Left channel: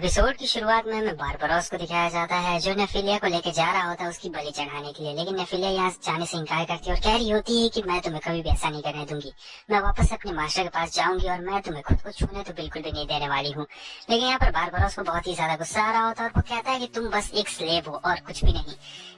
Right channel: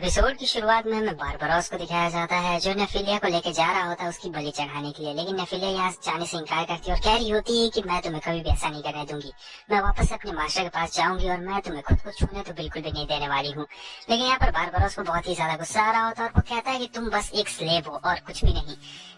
Episode की शुरुआत में हमें बारबरोस को दिखाया जाता है जो नेफिलिया को लेकर जा रहा होता है उसकी बलि चढ़ाने के लिए। लेकिन नेफिलिया यहाँ जाने से इनकार करती है और कह रही होती है कि मैं तुम्हें कभी भी ऐसा नहीं करने दूंगी, मैं वापस अपने मास्टर के पास जाऊंगी और मैं तुम्हें खुद को छूने तो बिल्कुल भी नहीं देने वाली हूँ। लेकिन यहाँ पर बारबरोस को बहुत ही ज्यादा गुस्सा आ रहा होता है और वो कहता है कि तुम बस एक स्लेव हो और कुछ भी नहीं।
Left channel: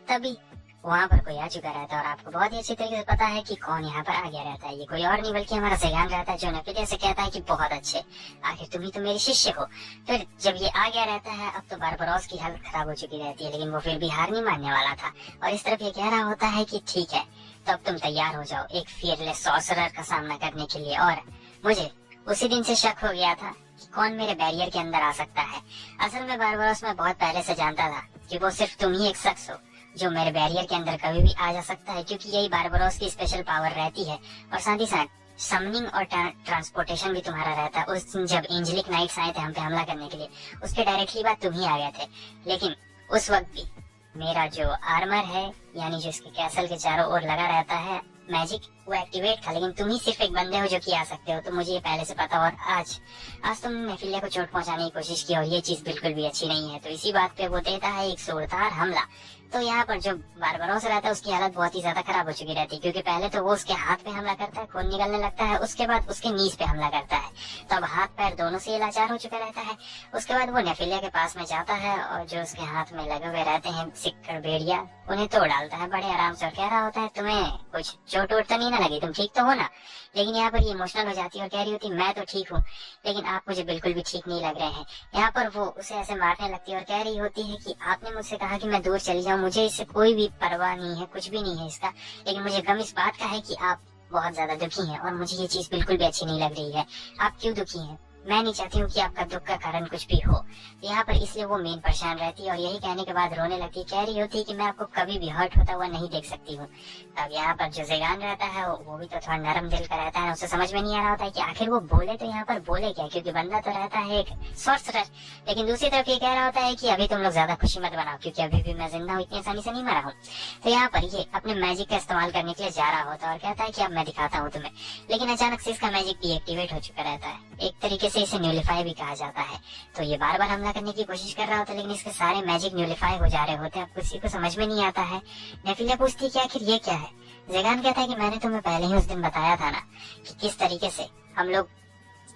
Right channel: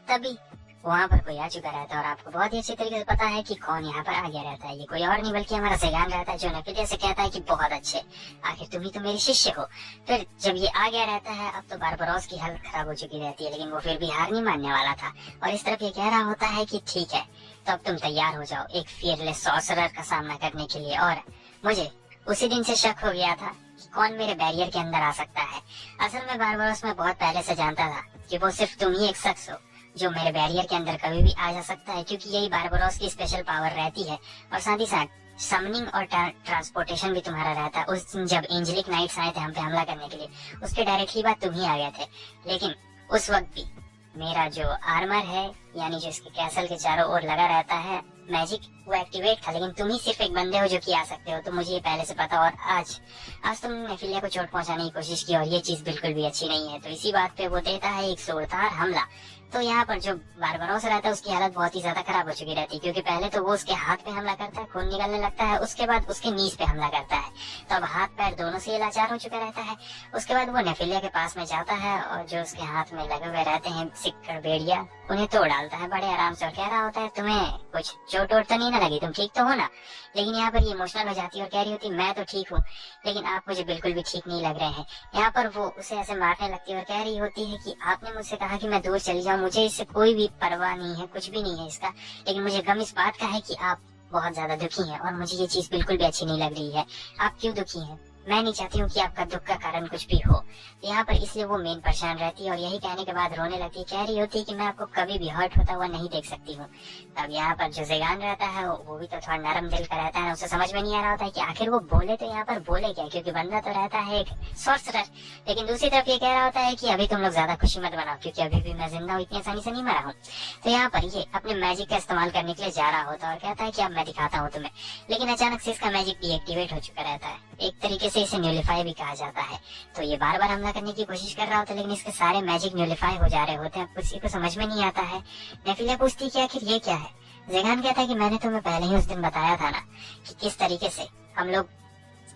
तभी वहाँ पर कोई आ चुका रहता है और आपको बहुत ही अच्छी तरीके से पता है कि कौन यहाँ पर आ गया रहता है। ये कोई और नहीं बल्कि हमारा ज़ेगान रहता है जो नेफिलिया से कहता है कि बहुत अच्छे, आखिर तुम ही तो मेरे शिष्य हो। फिर जब ये आ गया रहता है अब तो बारबरोस की हालत खराब हो चुकी रहती है, लेकिन वो फिर भी हार नहीं मानने वाला था और इस तरफ ये कह रहा होता है कि ठीक है तो अब तुम तैयार हो जाओ एक फियरलेस सॉर्सरर का सामना करने के लिए। और मुझे उसी दिन से शक हो गया था कि कौन मेरे बैरियर के अंदर आ सकता है। असल में बारबरोस मैं बहुत पहले से जानता था कि वो सिर्फ तुम ही एक शख्स हो जो मेरे बैरियर के अंदर कभी भी आ जा सकता है, क्योंकि यही बारबरोस की स्पेशल पावर रहती है। और साथ ही साथ समनिंग और ट्रांसपोर्टेशन भी तुम्हारा रहता है। उस दिन जब एंजेलिक नाइट्स आए थे हम पे हमला करने के लिए, उसके डायरेक्टली बाद तुम ही आ गए थे। लेकिन उस वक्त भी मेरा जो आर्मर है यानी जो इसके कैसल के चारों ओर लगा रहता है मैजिक, वो एक्टिवेट था। लेकिन तुम ही सिर्फ एक बंदे हो जो कि आ सकते हो, तो मुझे ये पहले से पता। और आज तुमने नेफिलिया को चोट पहुंचाने की कोशिश की और ये चीज बिल्कुल भी अच्छी नहीं है। तो इसी बात पे वो देता है एक जोरदार हमला। तो यहाँ पर जो बारबरोस रहता है उसकी हालत बहुत ही ज्यादा खराब हो चुकी रहती है, क्योंकि पहले तो वो उसके हाथ पे हमला करता है, खून निकलने लगता है, उसके बाद उसके नीज पे हमला करता है। तो अब हाथ पैर दोनों से लाचार हो चुका रहता है। उसके बाद वो नेफिलिया के पास में जाता है और जो उसके हाथ में लगे हुए रहते हैं सिक्कड़ बेड़िया उन्हें तोड़ डालता है बड़े आराम से और कह रहा होता है तुम्हें कुछ चोट वोट तो नहीं ना लगी, तुम ठीक तो हो ना। लेकिन यहाँ पर ये इमोशनल हो जाती है और कह रही होती मैं तो ठीक हूँ लेकिन आप मुझे बिल्कुल भी ठीक नहीं लग रहे हैं। यहाँ पर वो उसे ऐसे मारने लगती है और कह रही होती है कि आपने मुझसे कहा कि मैं दूर चली जाऊँ, मुझे इससे कोई भी परवाह नहीं है, कुछ भी नहीं है इसका, लेकिन मुझे गम इस बात का है कि आप बहुत ज्यादा दुखी हैं और मुझे ये चीज बिल्कुल भी अच्छी नहीं लग रही है। आप क्यों दुखी हैं? मैं नहीं चाहती हूँ कि आपका दुख का कारण कुछ भी हो। यहाँ पर इसलिए वो मेन परेशान रहती है और यही कहने के बाद रोने लगती, कह रही होती है कि मैं आपको कभी भी हर्ट होता हुआ नहीं देख सकती हूँ। अब यहाँ पर जो ज़ेगान रहता है वो भी तो थोड़ा नरम दिल का रहता है, उसे समझ में नहीं आ रहा होता है कि आखिर वो बोले तो यहाँ पर बोले क्या, क्योंकि बंदा तो रहता है एक सॉर्सरर। लेकिन दूसरी तरफ ये कह रहा होता है कि अभी तुम लोग ज्यादा खुशी मत मनाओ क्योंकि अभी भी मैं जिंदा हूँ, इतनी आसानी से नहीं मरा हूँ। तो यहाँ पर ये अपने मैजिक का इस्तेमाल करने के लिए जा रहा होता है और कहता है कि अब मैं दिखाता हूँ तुम्हें। लेकिन अचानक से इसका मैजिक डीएक्टिवेट हो चुका रहता है, एक तरीके से इसे न्यूलिफाई भी कहा जाता है। तो ये बार बार हमला करने की कोशिश कर रहा होता है लेकिन इसके सारे मैजिक न्यूलिफाई हो जा रहे होते हैं। किसी को समझ में नहीं आता है। नेफिलिया पूछती है कि आखिर ये क्या है। ज़ेगान कहता है कि मैंने तुम्हें पहले ही उस दिन बताया था ना कि किस तरीके से हम लोग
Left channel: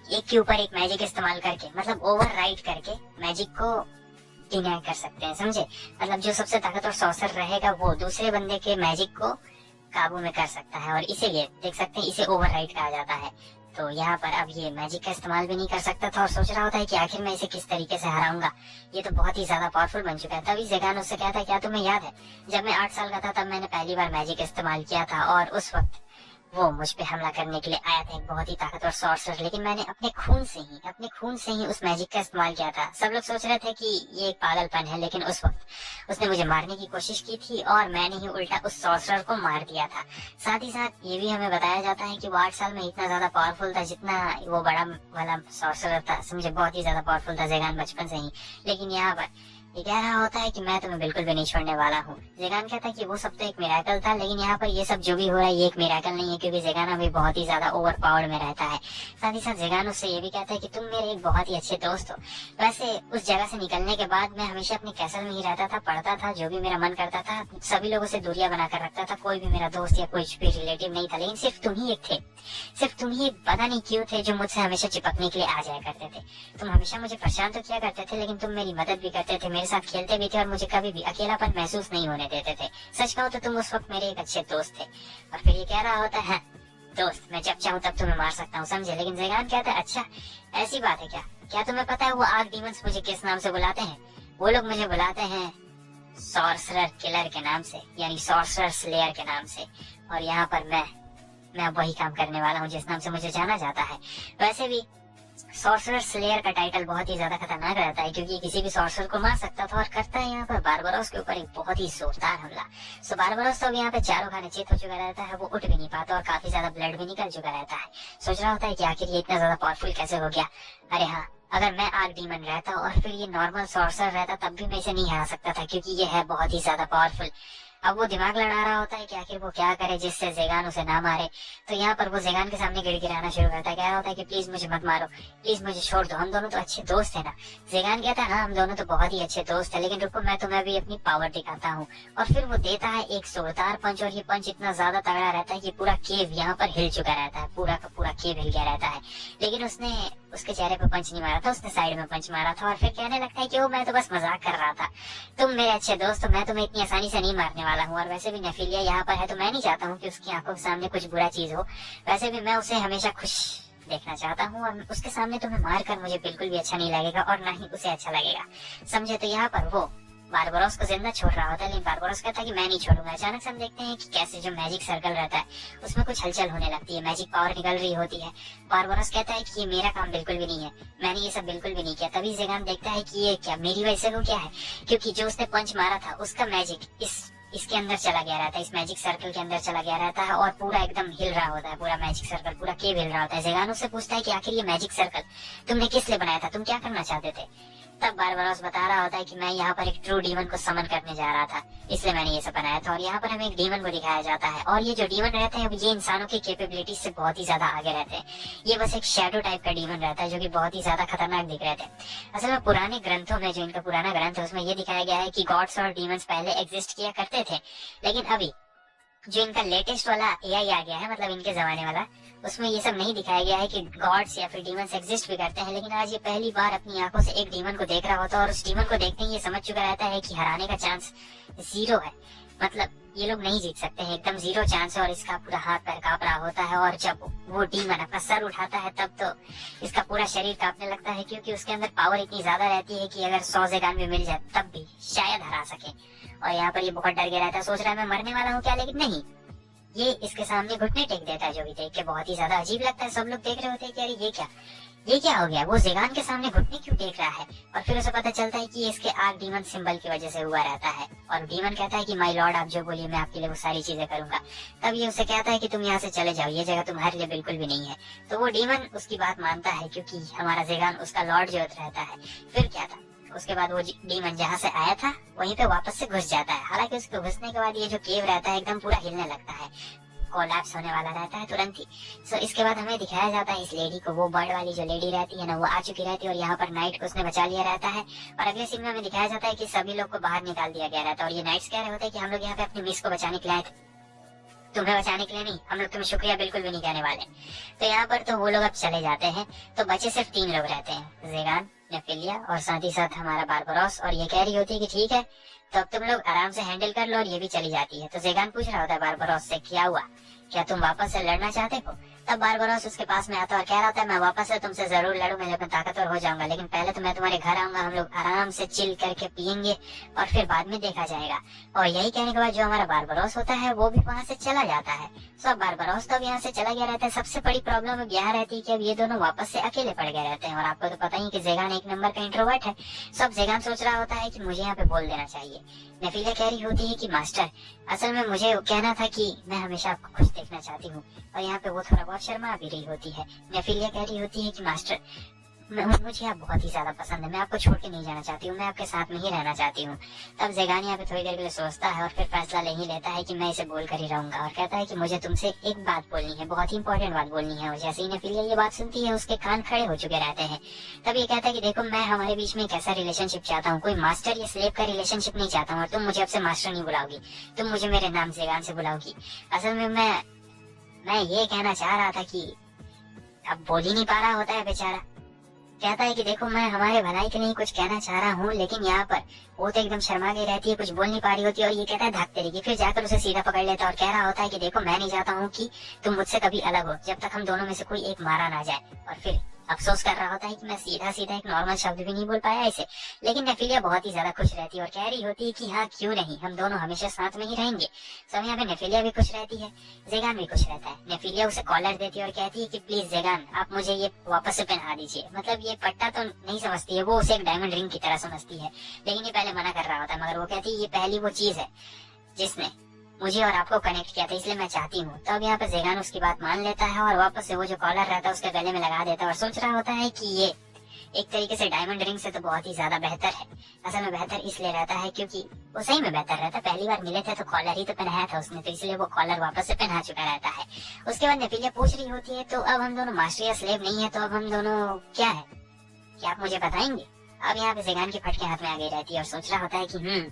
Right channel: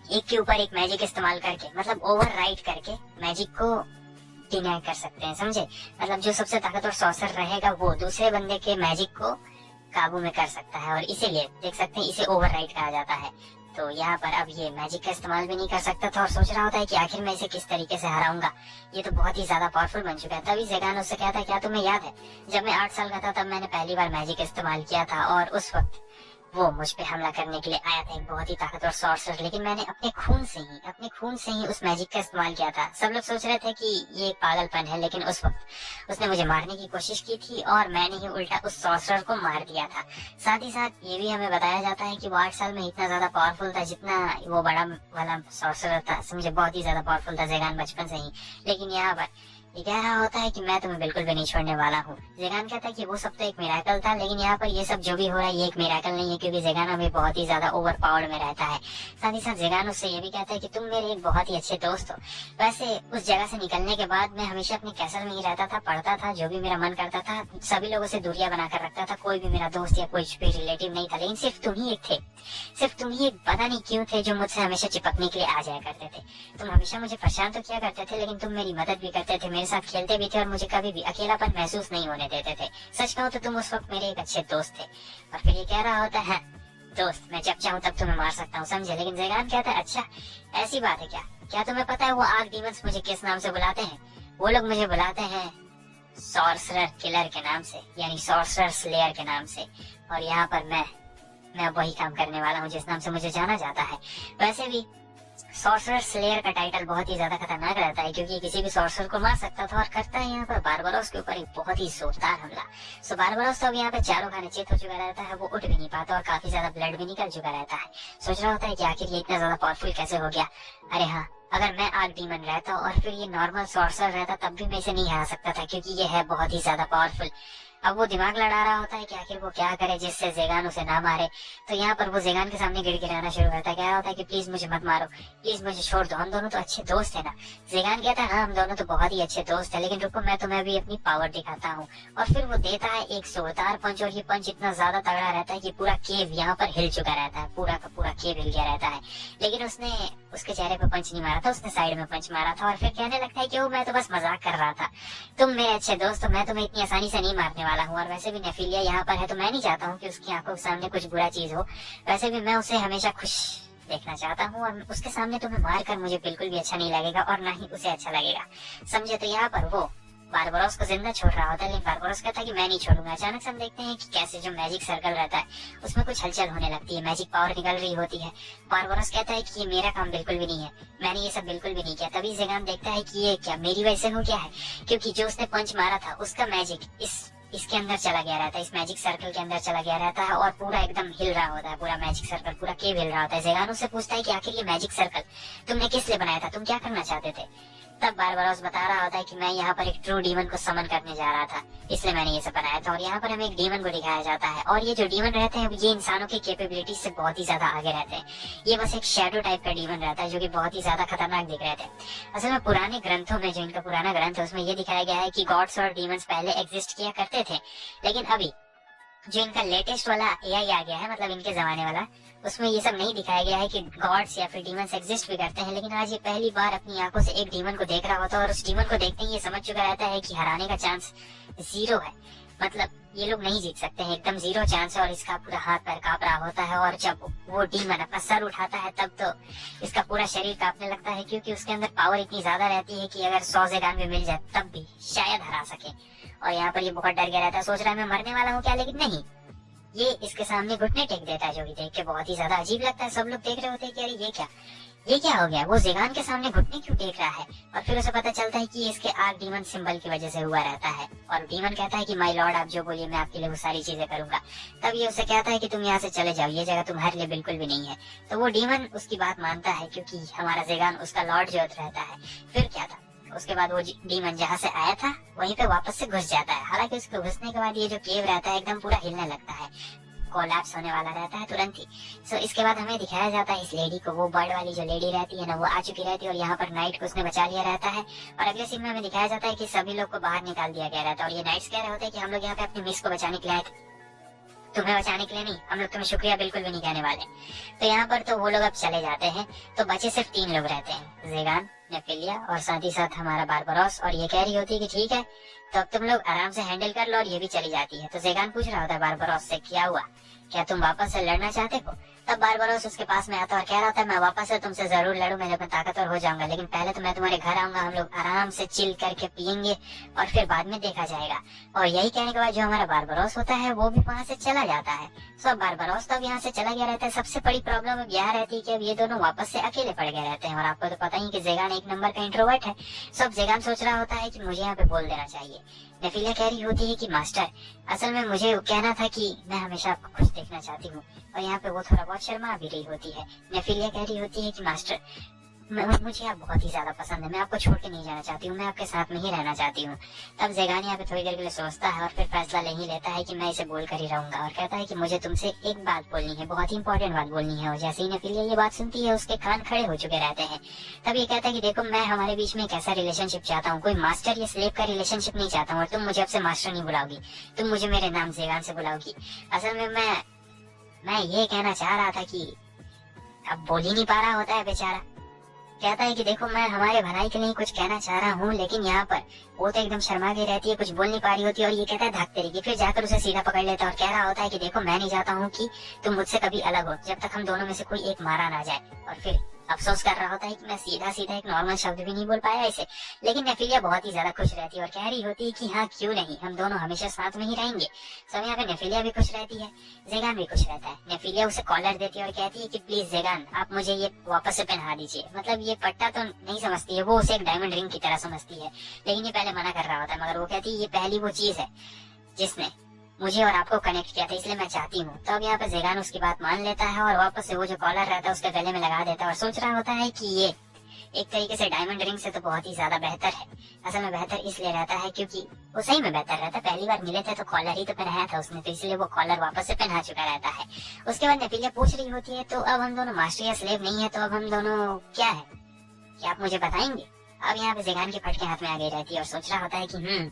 एक के ऊपर एक मैजिक इस्तेमाल करके, मतलब ओवर राइड करके मैजिक को डिनाई कर सकते हैं, समझे। मतलब जो सबसे ताकतवर सॉर्सर रहेगा वो दूसरे बंदे के मैजिक को काबू में कर सकता है और इसीलिए देख सकते हैं इसे ओवर राइड कहा जाता है। तो यहाँ पर अब ये मैजिक का इस्तेमाल भी नहीं कर सकता था और सोच रहा होता है कि आखिर मैं इसे किस तरीके से हराऊंगा, ये तो बहुत ही ज्यादा पावरफुल बन चुका है। तभी ज़ेगान उससे कहता है क्या तुम्हें याद है जब मैं 8 साल का था तब मैंने पहली बार मैजिक इस्तेमाल किया था और उस वक्त वो मुझ पे हमला करने के लिए आया था, एक बहुत ही ताकतवर सॉर्सरर, लेकिन मैंने अपने खून से ही उस मैजिक का इस्तेमाल किया था। सब लोग सोच रहे थे कि ये एक पागलपन है लेकिन उस वक्त उसने मुझे मारने की कोशिश की थी और मैंने ही उल्टा उस सॉर्सरर को मार दिया था। साथ ही साथ ये भी हमें बताया जाता है कि वो 8 साल में इतना ज्यादा पावरफुल था जितना वो बड़ा वाला सॉर्सरर था, समझे, बहुत ही ज्यादा पावरफुल था ज़ेगान बचपन से ही। लेकिन यहाँ पर ये कह रहा होता है कि मैं तुम्हें बिल्कुल भी नहीं छोड़ने वाला हूँ। ज़ेगान कहता है कि वो सब तो एक मिरेकल था, लेकिन यहाँ पर ये सब जो भी हो रहा है ये एक मिरेकल नहीं है क्योंकि ज़ेगान अभी बहुत ही ज्यादा ओवर पावर्ड में रहता है। साथ ही साथ ज़ेगान उससे ये भी कहता है कि तुम मेरे एक बहुत ही अच्छे दोस्त हो। वैसे उस जगह से निकलने के बाद मैं हमेशा अपने कैसल में ही रहता था, पढ़ता था, जो भी मेरा मन करता था, सभी लोगों से दूरियां बनाकर रखता था, कोई भी मेरा दोस्त या कोई भी रिलेटिव नहीं था, लेकिन सिर्फ तुम ही एक थे, सिर्फ तुम ही एक पता नहीं क्यों थे जो मुझसे हमेशा चिपकने के लिए आ जाया करते थे। तुम हमेशा मुझे परेशान तो किया करते थे लेकिन तुम मेरी मदद भी करते थे, मेरे साथ खेलते भी थे और मुझे कभी भी अकेलापन महसूस नहीं होने देते थे। सच कहो तो तुम उस वक्त मेरे एक अच्छे दोस्त थे। और फिर ये कह रहा होता है दोस्त मैं जब चाहूँ तब तुम्हें मार सकता हूँ, समझे। लेकिन ज़ेगान कहता है अच्छा ऐसी बात है क्या, क्या तुम्हें पता है वो आग डीमंस मुझे किस नाम से बुलाते हैं? वो लोग मुझे बुलाते हैं सॉर्सरर किलर के नाम से, यानी सॉर्सरर स्लेयर के नाम से। और यहाँ पर मैं वही काम करने वाला हूँ जिस नाम से मुझे जाना जाता है। वैसे भी सॉर्सरर स्लेयर का टाइटल बहुत ही ज्यादा खतरनाक रहता है क्योंकि किसी भी सॉर्सरर को मार सकता था और करता है यहाँ पर बारबरोस के ऊपर एक बहुत ही जोरदार हमला। सो बारबरोस तो यहाँ पे चारों खाने चित हो चुका रहता है, वो उठ भी नहीं पाता और काफी ज्यादा ब्लड भी निकल चुका रहता है। सोच रहा होता है कि आखिर ये इतना ज्यादा पावरफुल कैसे हो गया। अरे हाँ, अगर मैं आग डीमन रहता और फिर ये नॉर्मल सॉर्सरर रहता तब भी मैं इसे नहीं हरा सकता था क्योंकि ये है बहुत ही ज्यादा पावरफुल। अब वो दिमाग लड़ा रहा होता है कि आखिर वो क्या करे जिससे जेगान उसे ना मारे। तो यहाँ पर वो जेगान के सामने गिड़गिड़ाना शुरू करता है, कह रहा होता है कि प्लीज मुझे मत मारो, प्लीज मुझे छोड़ दो, हम दोनों तो अच्छे दोस्त है ना। जेगान कहता है हाँ हम दोनों तो बहुत ही अच्छे दोस्त है, लेकिन रुको मैं तुम्हें भी अपनी पावर दिखाता हूँ। और फिर वो देता है एक जोरदार पंच, और ये पंच इतना ज्यादा तगड़ा रहता है कि पूरा केव यहाँ पर हिल चुका रहता है, पूरा का पूरा केव हिल गया रहता है। लेकिन उसने उसके चेहरे पर पंच नहीं मारा था, उसने साइड में पंच मारा था। और फिर कहने लगता है कि वो मैं तो बस मजाक कर रहा था, तुम मेरे अच्छे दोस्त हो, मैं तुम्हें इतनी आसानी से नहीं मारने वाला हूँ। और वैसे भी नेफिलिया यहाँ पर है तो मैं नहीं चाहता हूँ कि उसकी आंखों के सामने कुछ बुरा चीज हो। वैसे भी मैं उसे हमेशा खुश देखना चाहता हूँ, और उसके सामने तुम्हें मार कर मुझे बिल्कुल भी अच्छा नहीं लगेगा और ना ही उसे अच्छा लगेगा, समझे। तो यहाँ पर वो बारबरोस को जिंदा छोड़ रहा होता है, लेकिन बारबरोस कहता है कि मैं नहीं छोड़ूंगा। अचानक से हम देखते हैं कि कैसे जो मैजिक सर्कल रहता है उसमें कुछ हलचल होने लगती है, मैजिक पावर निकल रही होती है। बारबरोस कहता है कि ये मेरा काम बिल्कुल भी नहीं है, मैंने ये सब बिल्कुल भी नहीं किया। तभी जेगान देखता है कि ये क्या मेरी वजह से हो गया है, क्योंकि जो उसने पंच मारा था उसका मैजिक इसके अंदर चला गया रहता है, इस मैजिक सर्कल के अंदर चला गया रहता है, और पूरा एकदम हिल रहा होता है, पूरा मैजिक सर्कल पूरा केव हिल रहा होता है। जेगान उससे पूछता है कि आखिर ये मैजिक सर्कल तुमने किस लिए बनाया था, तुम क्या करना चाहते थे। तब बारबरोस बता रहा होता है कि मैं यहाँ पर एक ट्रू डीमन को समन करने जा रहा था, इसलिए मैंने ये सब बनाया था। और यहाँ पर हमें एक डीमन को दिखाया जाता है, और ये जो डीमन रहते हैं ये इंसानों की कैपेबिलिटी से बहुत ही ज्यादा आगे रहते हैं। ये बस एक शैडो टाइप का डीमन रहता है जो कि बहुत ही ज्यादा खतरनाक दिख रहे थे। असल में पुराने ग्रंथों में, जो इनका पुराना ग्रंथ है उसमें ये दिखाया गया है कि गॉड्स और डीमंस पहले एग्जिस्ट किया करते थे, लेकिन अभी जो इनका लेटेस्ट वाला एआई आ गया है, मतलब इनके जमाने वाला, उसमें ये सब नहीं दिखाया गया है कि गॉड्स या फिर डीमंस एग्जिस्ट भी करते हैं। लेकिन आज ये पहली बार अपनी आंखों से एक डीमन को देख रहा होता है, और उस डीमन को देखते ही ये समझ चुका रहता है कि हराने का चांस 0 है, मतलब ये लोग नहीं जीत सकते हैं, एकदम 0 चांस है। और इसका पूरा हाथ पैर कांप रहा होता है, और जब वो डीमन अपना सर उठाता है तब तो इसका पूरा शरीर कांपने लगता है, क्योंकि उसके अंदर पावर इतनी ज्यादा रहती है कि अगर 100 जेगान भी मिल जाए तब भी शायद हरा सके। और यहाँ पर ये बहुत डर गया रहता है, सोच रहा है मैं मरने वाला हूँ क्या, लेकिन नहीं, ये इसके सामने घुटने टेक देता है, जो भी देख के बहुत ही ज्यादा अजीब लगता है। सब लोग देख रहे होते हैं कि अरे ये क्या हो गया, वो जेगान के सामने घुटने क्यों टेक रहा है। और फिर उसे पता चलता है कि इसके आर्क डीमन सिंबल की वजह से हुआ रहता है, और डीमन कहता है कि माय लॉर्ड आप जो बोलिए मैं आपके लिए वो सारी चीजें करूंगा। तब ये उसे कहता है कि तुम यहाँ से चले जाओ, ये जगह तुम्हारे लिए बिल्कुल भी नहीं है। तो वो डीमन उसकी बात मानता है, क्योंकि हमारा जेगान उसका लॉर्ड जो रहता है। फिर क्या था, उसके बाद वो डीमन जहाँ से आया था वहीं पे वापस से घुस जाता है। हालांकि उसके घुसने के बाद ये जो केव रहता है एकदम पूरा हिलने लगता है, कोलैप्स होने वाला रहता है तुरंत ही। सो इसके बाद हमें दिखाया जाता है इस लेडी को, वो बर्ड वाली जो लेडी रहती है ना, वो आ चुकी रहती है, और यहाँ पर नाइट को उसने बचा लिया रहता है। और अगले सीन में हमें दिखाया जाता है कि सभी लोग को बाहर निकाल दिया गया रहता है, और ये नाइट्स कह रहे होते हैं कि हम लोग यहाँ पे अपनी मिस को बचाने के लिए आए थे, तुम्हें बचाने के लिए नहीं, हम लोग तुम्हें शुक्रिया बिल्कुल भी नहीं कहने वाले। तो यहाँ पर तो वो लोग अब चले जाते हैं, तो बचे सिर्फ 3 लोग रहते हैं, जेगान, नेफिलिया और साथ ही साथ हमारा बारबरोस। और ये कह रही होती है कि ठीक है तो अब तुम लोग आराम से हैंडल कर लो, और ये भी चली जाती है। तो जेगान पूछ रहा होता है बारबरोस से क्या हुआ, क्या तुम वापस से लड़ना चाहते हो। तब बारबरोस उसके पास में आता है और कह रहा होता है मैं वापस से तुमसे जरूर लड़ूंगा जब मैं ताकतवर हो जाऊंगा, लेकिन पहले तो मैं तुम्हारे घर आऊंगा, हम लोग आराम से चिल करके पियेंगे और फिर बाद में देखा जाएगा। और यही कहने के बाद जो हमारा बारबरोस होता है वो भी वहाँ से चला जाता है। सब बारबरोस तो अब यहाँ से चला गया रहता है। सबसे बड़ी प्रॉब्लम अब यह रहती है कि अब ये दोनों वापस से अकेले पड़ गए रहते हैं, और आपको तो पता ही कि जेगान एक नंबर का इंट्रोवर्ट है। सब जेगान सोच रहा होता है कि मुझे यहाँ पे बोल देना चाहिए। नेफिलिया कह रही होती है कि मास्टर असल में मुझे कहना था कि मैं हमेशा आपको खुश देखना चाहती हूँ, और यहाँ पे वो थोड़ा बहुत शर्मा भी रही होती है। नेफिलिया कह रही होती है कि मास्टर मुझे आप बहुत ही ज्यादा पसंद है, मैं आपको छोड़ के नहीं जाना चाहती हूँ, मैं आपके साथ में ही रहना चाहती हूँ। तब जेगान यहाँ पे थोड़ी देर के लिए सोचता है और फिर फैसला ले ही लेता है कि मैं इसे बोल कर ही रहूंगा, और कहता है कि मुझे तुमसे एक बात बोलनी है, बहुत ही इंपॉर्टेंट बात बोलनी है। और जैसे ही नेफिलिया ये बात सुनती है उसके कान खड़े हो चुके रहते हैं। तब ये कहता है कि देखो मैं हमारे बीच में एक ऐसा रिलेशनशिप चाहता हूँ, कोई मास्टर या स्लेव का रिलेशनशिप नहीं चाहता हूँ, और तुम मुझे अब से मास्टर नहीं बुलाओगी, तुम मुझे मेरे नाम जेगान से बुलाओगी। असल में मैं ये कहना चाह रहा था कि अब बोल ही नहीं पा रहा होता है बेचारा। कहता है कि देखो मैं हमारे भलाई के लिए कुछ कहना चाह रहा हूँ, लेकिन यहाँ पर वो तो एकदम शर्मा गई रहती है, कुछ बोल नहीं पा रही होती है, और ये कहता है भागते रहेगी। फिर जाकर उसे सीधा पकड़ लेता है और कह रहा होता है कि देखो मैं नहीं चाहता हूँ कि तुम मुझसे कभी अलग हो, जब तक हम दोनों में से कोई एक मारा ना जाए। और फिर अफसोस कर रहा होता है कि मैं सीधा सीधा एक नॉर्मल शब्द भी नहीं बोल पाया इसे। लेकिन नेफिलिया बहुत ही ज्यादा खुश रहती है और कह रही होती है कि हाँ क्यों नहीं, हम दोनों हमेशा साथ में ही रहेंगे। सब यहाँ पे नेफिलिया भी खुश रहती है, जेगान भी खुश रहता है। नेफिलिया उसे कॉलर देती है और कहती है कि प्लीज जेगान आप मुझे ये वापस से पहना दीजिए। मतलब ये पट्टा तो नहीं समझती है, वो उसे एक डायमंड रिंग की तरह समझती है, लेकिन ये पहले मना कर रहा होता है। मगर वो कहती है ये पहली वो चीज है जिसने मुझे और आपको कनेक्ट किया था, इसलिए मैं चाहती हूँ। तो अब यहाँ पे जेगान उसकी बात मान लेता है और वापस से वो जो कॉलर रहता है उसके गले में लगा देता है, और सोच रहा होता है कि ये एक तरीके से डायमंड रिंग से तो बहुत ही ज्यादा बेहतर है। असल में बेहतर इसलिए रहता है क्योंकि वो सही में बेहतर रहता है। पहली बार मिले थे तो कॉलर ही तो पहनाया था उसने, तो इसलिए वो कॉलर वापस से पहना चुका रहता है। उसके बाद नेफिलिया पूछ रही होती है तो अब हम दोनों मास्टर या स्लेव नहीं है, तो अब हम दोनों क्या है, क्या आप मुझे बताएंगे? अब यहाँ पे ज़ेगान के फटके हाथ में आ गई रहती है और सोच रहा होता है कि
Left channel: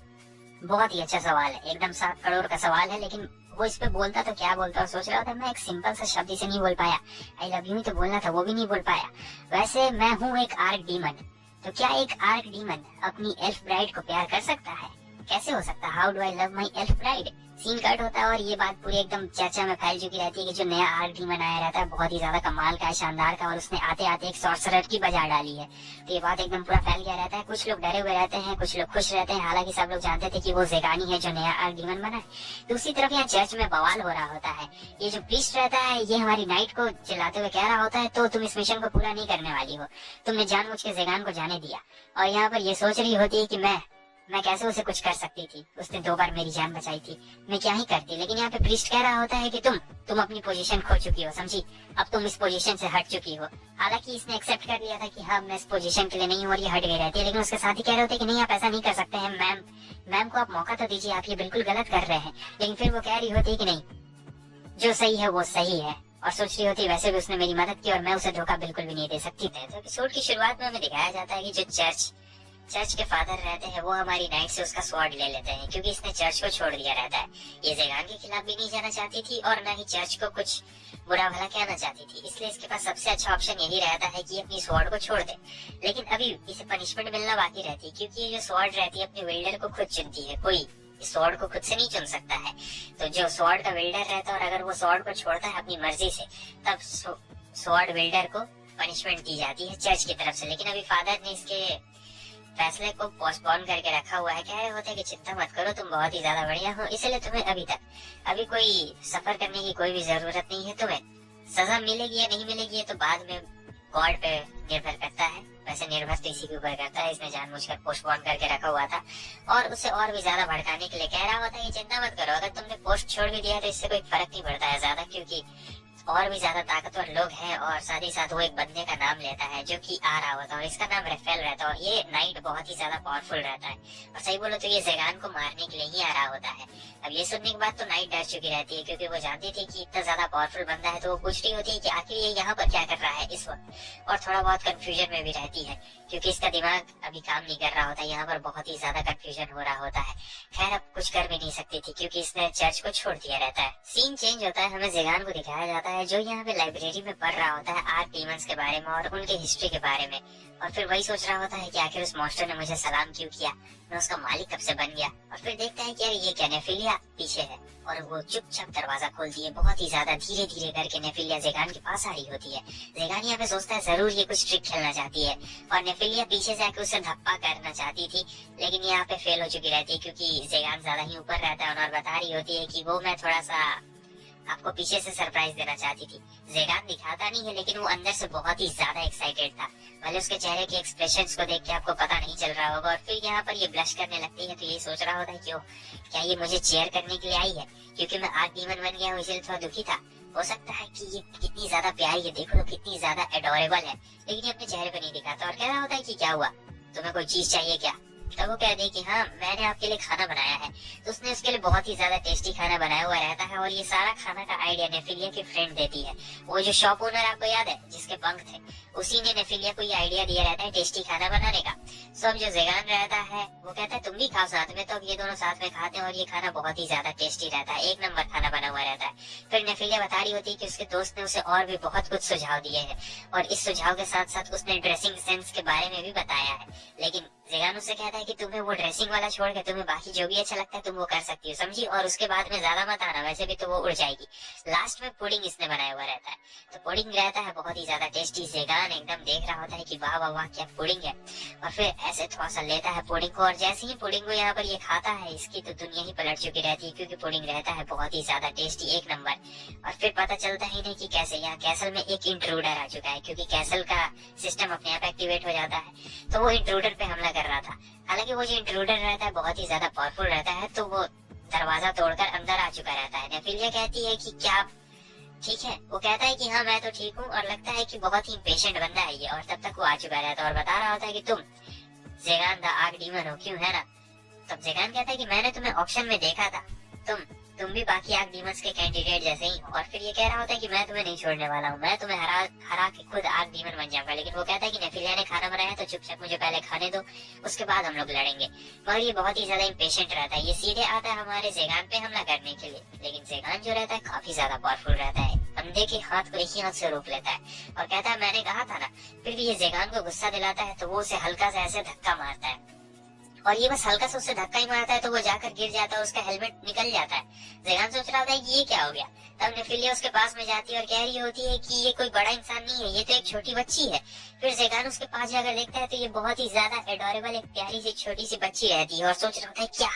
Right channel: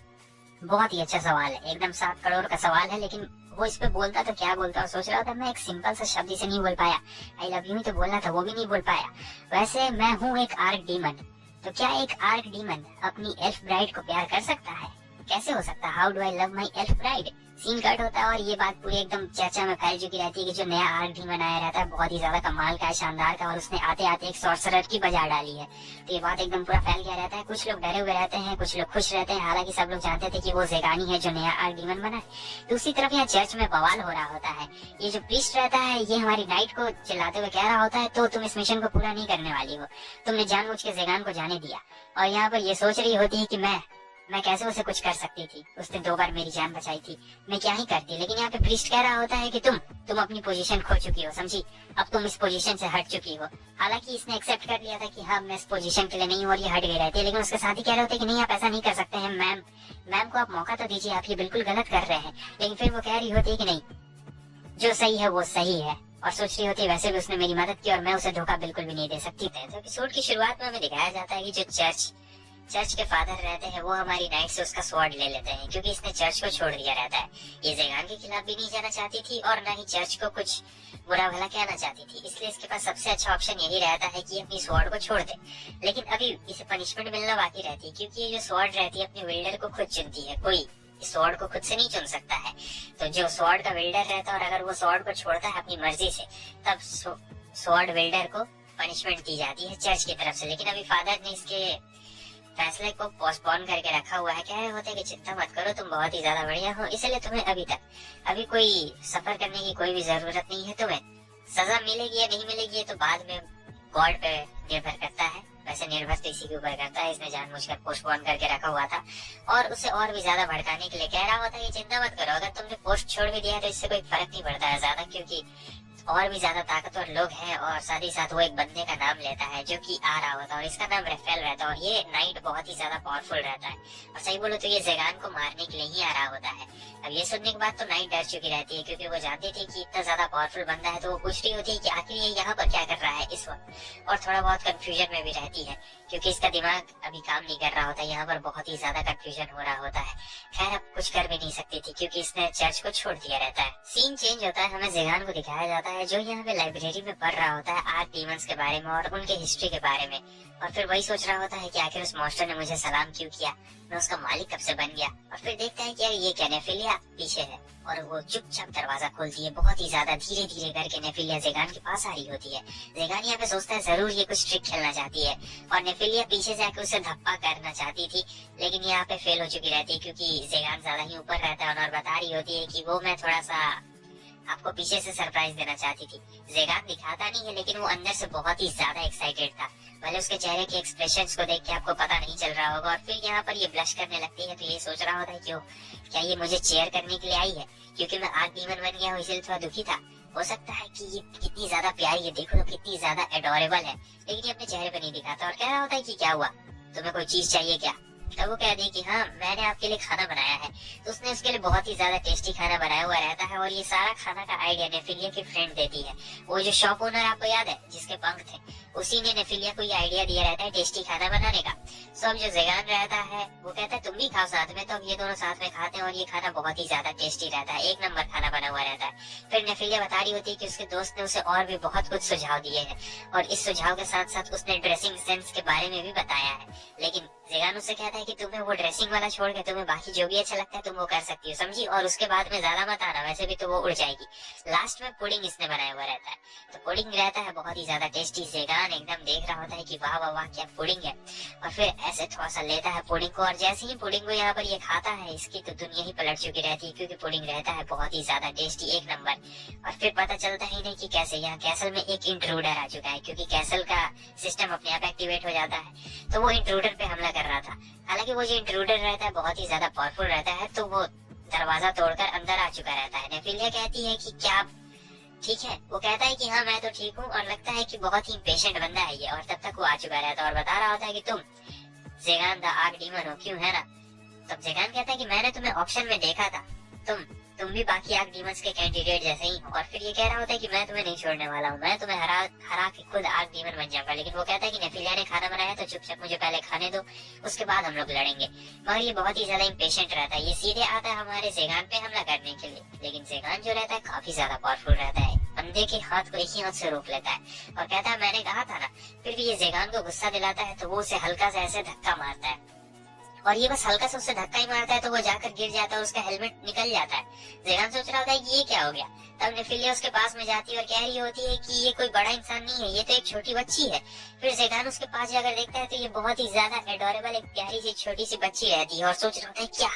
बहुत ही अच्छा सवाल है, एकदम 7 करोड़ का सवाल है, लेकिन वो इस पे बोलता तो क्या बोलता, और सोच रहा था मैं एक सिंपल सा शब्द इसे नहीं बोल पाया, आई लव यू ही तो बोलना था, वो भी नहीं बोल पाया। वैसे मैं हूँ एक आर्क डीमन, तो क्या एक आर्क डीमन अपनी एल्फ ब्राइड को प्यार कर सकता है? कैसे हो सकता है? How do I love my elf bride? Scene cut होता है और ये बात पूरी एकदम चर्चा में फैल चुकी रहती है कि जो नया आर्क डीमन आया रहता है बहुत ही ज्यादा कमाल का है, शानदार का, और उसने आते आते एक सॉर्सरर की बजा डाली है। तो ये बात एकदम पूरा फैल गया रहता है। कुछ लोग डरे हुए रहते हैं, कुछ लोग खुश रहते हैं, हालांकि सब लोग जानते थे कि वो ज़ेगानी है जो नया आर्क डीमन बना है। दूसरी तरफ यहाँ चर्च में बवाल हो रहा होता है। ये जो प्रीस्ट रहता है ये हमारी नाइट को चिल्लाते हुए कह रहा होता है तो तुम इस मिशन को पूरा नहीं करने वाली हो, तुमने जानबूझ के ज़ेगान को जाने दिया। और यहाँ पर ये सोच रही होती है कि मैं कैसे उसे कुछ कर सकती थी, उसने 2 बार मेरी जान बचाई थी, मैं क्या ही करती। लेकिन यहाँ पे प्रीस्ट कह रहा होता है कि तुम अपनी पोजीशन खो चुकी हो, समझी, अब तुम इस पोजीशन से हट चुकी हो। हालांकि इसने एक्सेप्ट कर लिया था कि हाँ मैं इस पोजीशन के लिए नहीं हूँ और ये हट गई रहती है, लेकिन उसके साथ ही कह रहे होते कि नहीं आप ऐसा नहीं कर सकते हैं मैम को आप मौका तो दीजिए, आप ये बिल्कुल गलत कर रहे हैं। लेकिन फिर वो कह रही होती है कि नहीं, जो सही है वो सही है, और सोच रही होती है वैसे भी उसने मेरी मदद की और मैं उसे धोखा बिल्कुल भी नहीं दे सकती। तो एपिसोड की शुरुआत में हमें दिखाया जाता है कि जो चर्च के फादर रहते हैं वो हमारी नाइट से उसका स्वॉर्ड ले लेते हैं, क्योंकि इसने चर्च को छोड़ दिया रहता है। ये ज़ेगान के खिलाफ भी नहीं जाना चाहती थी और ना ही चर्च को कुछ बुरा भला कहना चाहती थी, इसलिए इसके पास सबसे अच्छा ऑप्शन यही रहता है कि अपनी स्वॉर्ड को छोड़ दे। लेकिन अभी इसे पनिशमेंट मिलना बाकी रहती है, क्योंकि जो स्वॉर्ड रहती है अपने विल्डर को खुद चुनती है, कोई इस स्वॉर्ड को खुद से नहीं चुन सकता है। तो जो स्वॉर्ड का विल्डर रहता है और अगर वो स्वॉर्ड को छोड़ता है अपनी मर्जी से, तब स्वॉर्ड विल्डर को पनिशमेंट दी जाती है चर्च की तरफ से। लेकिन अभी फादर ने इसके फैसले को पोस्टपोन करके रखा हुआ है। कह रहे होते हैं कि चिंता मत करो, तुम बहुत ही ज्यादा बढ़िया हो, इसलिए तुम्हें अभी कोई सफर करने की कोई भी जरूरत नहीं है। तुम्हें सजा मिलेगी या नहीं मिलेगी ये तो बाद में गॉड पे निर्भर करता है, वैसे निर्भर तो इसी के ऊपर करता है। इसने जानबूझकर पोस्टपोन करके रखा हुआ था और उसे और भी ज्यादा भड़काने के लिए कह रहा होता है कि चिंता मत करो, अगर तुमने पोस्ट छोड़ भी दिया तो इससे कोई फर्क नहीं पड़ता है ज्यादा, क्योंकि और भी ज्यादा ताकतवर लोग हैं। और साथ ही साथ वो एक बंदे का नाम लेता है जो कि आ रहा होता है और इसका नाम रेफेल रहता है, और ये नाइट बहुत ही ज्यादा पावरफुल रहता है, और सही बोलो तो ये ज़ेगान को मारने के लिए ही आ रहा होता है। अब ये सुनने के बाद तो नाइट डर चुकी रहती है, क्योंकि वो जानती थी कि इतना ज्यादा पावरफुल बंदा है, तो वो पूछ रही होती है कि आखिर ये यहाँ पर क्या कर रहा है इस वक्त, और थोड़ा बहुत कंफ्यूजन में भी रहती है क्योंकि इसका दिमाग अभी काम नहीं कर रहा होता, यहाँ पर बहुत ही ज्यादा कंफ्यूजन हो रहा होता है। खैर अब कुछ कर भी नहीं सकती थी क्योंकि इसने चर्च को छोड़ दिया रहता है। सीन चेंज होता है, हमें ज़ेगान को दिखाया जाता है जो यहाँ पे लाइब्रेरी में पढ़ रहा होता है आर्क डीमंस के बारे में और उनकी हिस्ट्री के बारे में, और फिर वही सोच रहा होता है कि आखिर उस मॉन्स्टर ने मुझे सलाम क्यों किया, मैं उसका मालिक कब से बन गया। और फिर देखते हैं कि यार ये क्या, नेफिलिया पीछे है और वो चुपचाप दरवाजा खोलती है, बहुत ही ज्यादा धीरे धीरे करके नेफिलिया ज़ेगान के पास आ रही होती है। ज़ेगान यहाँ पे सोचता है जरूर ये कुछ ट्रिक खेलना चाहती है, और नेफिलिया पीछे जाके उसे धप्पा करना चाहती थी, लेकिन यहाँ पे फेल हो चुकी रहती है क्योंकि ज़ेगान ज्यादा ही ऊपर रहता है और बता रही होती है कि वो मैं थोड़ा सा आपको पीछे से सरप्राइज देना चाहती थी। ज़ेगान दिखाता नहीं है लेकिन वो अंदर से बहुत ही ज्यादा एक्साइटेड था, भले उसके चेहरे के एक्सप्रेशंस को देख के आपको पता नहीं चल रहा होगा। और फिर यहाँ पर ये ब्लश करने लगती है, तो ये सोच रहा होता है क्यों, क्या ये मुझे चेयर करने के लिए आई है क्योंकि मैं आर्क डीमन बन गया हूँ इसलिए थोड़ा दुखी था। हो सकता है कि ये कितनी ज्यादा प्यारी है, देखो तो कितनी ज्यादा एडोरेबल है, लेकिन ये अपने चेहरे पर नहीं दिखाता और कह रहा होता है कि क्या हुआ, तुम्हें कोई चीज चाहिए क्या। तो वो कह दी कि हाँ मैंने आपके लिए खाना बनाया है, तो उसने उसके लिए बहुत ही ज्यादा टेस्टी खाना बनाया हुआ रहता है, और ये सारा खाना का आइडिया नेफिलिया की फ्रेंड देती है। वो जो शॉप ओनर आपको याद है जिसके पंख थे, उसी ने नेफिलिया को ये आइडिया दिया रहता है टेस्टी खाना बनाने का। सो अब जो ज़ेगान रहता है वो कहता है तुम भी खाओ साथ में, तो अब ये दोनों साथ में खाते हैं और ये खाना बहुत ही ज्यादा टेस्टी रहता है, एक नंबर खाना बना हुआ रहता है। फिर नेफिलिया बता रही होती है कि उसके दोस्त ने उसे और भी बहुत कुछ सुझाव दिए हैं, और इस सुझाव के साथ साथ उसने ड्रेसिंग सेंस के बारे में भी बताया है। लेकिन ज़ेगान उससे कहता है कि तुम्हें वो ड्रेसिंग वाला छोड़ के तुम्हें बाकी जो भी अच्छा लगता है तुम वो कर सकती हो, समझी, और उसके बाद में ज्यादा मत आना, वैसे भी तो वो उड़ जाएगी। लास्ट में पुडिंग इसने बनाया हुआ रहता है, तो पुडिंग रहता है बहुत ही ज्यादा टेस्टी। ज़ेगान एकदम देख रहा होता है कि वाह वाह वाह क्या पुडिंग है, और फिर ऐसे थोड़ा सा लेता है पुडिंग को, और जैसे ही पुडिंग को यहाँ पर ये खाता है इसकी तो दुनिया ही पलट चुकी रहती है, क्योंकि पुडिंग रहता है बहुत ही ज्यादा टेस्टी, एक नंबर। और फिर पता चलता ही नहीं कि कैसे यहाँ कैसल में एक इंट्रूडर आ चुका है, क्योंकि कैसल का सिस्टम अपने आप एक्टिवेट हो जाता है, तो वो इंट्रूडर पे हमला कर रहा था। हालांकि वो जो इंट्रूडर रहता है बहुत ही ज्यादा पावरफुल रहता है, तो वो दरवाजा तोड़कर अंदर आ चुका रहता है। नेफिलिया कहती है कि क्या ठीक है। वो कहता है कि हाँ मैं तो ठीक हूँ, और लगता है कि बहुत ही पेशेंट बंदा है ये, और तब तक वो आ चुका रहता है और बता रहा होता है कि तुम जेगान द आर्क डीमन हो, क्यों है ना। तब जेगान कहता है कि मैंने तुम्हें ऑप्शन में देखा था, तुम भी बाकी आर्क डीमंस के कैंडिडेट जैसे ही हो, और फिर ये कह रहा होता है कि मैं तुम्हें नहीं छोड़ने वाला हूँ, मैं तुम्हें हरा हरा के खुद आर्क डीमन बन जाऊंगा। लेकिन वो कहता है कि नेफिलिया ने खाना बनाया तो चुपचाप मुझे पहले खाने दो, उसके बाद हम लोग लड़ेंगे। मगर ये बहुत ही ज्यादा इम्पेशेंट रहता है, ये सीधे आता है हमारे जेगान पे हमला करने के लिए, लेकिन जेगान जो रहता है काफी ज्यादा पावरफुल रहता है, बंदे के हाथ को एक ही हाथ से रोक लेता है और कहता है मैंने कहा था ना। फिर भी ये जेगान को गुस्सा दिलाता है तो वो उसे हल्का सा ऐसे धक्का मारता है, और ये बस हल्का सा उससे धक्का ही मारता है तो वो जाकर गिर जाता है, उसका हेलमेट निकल जाता है। जेगान सोच रहा होता है कि ये क्या हो गया। तब नेफिलिया उसके पास में जाती है और कह रही होती है कि ये कोई बड़ा इंसान नहीं है, ये तो एक छोटी बच्ची है। फिर जेगान उसके पास जाकर देखता है तो ये बहुत ही ज्यादा एडोरेबल एक प्यारी सी छोटी सी बच्ची रहती है, और सोच रहा होता है क्या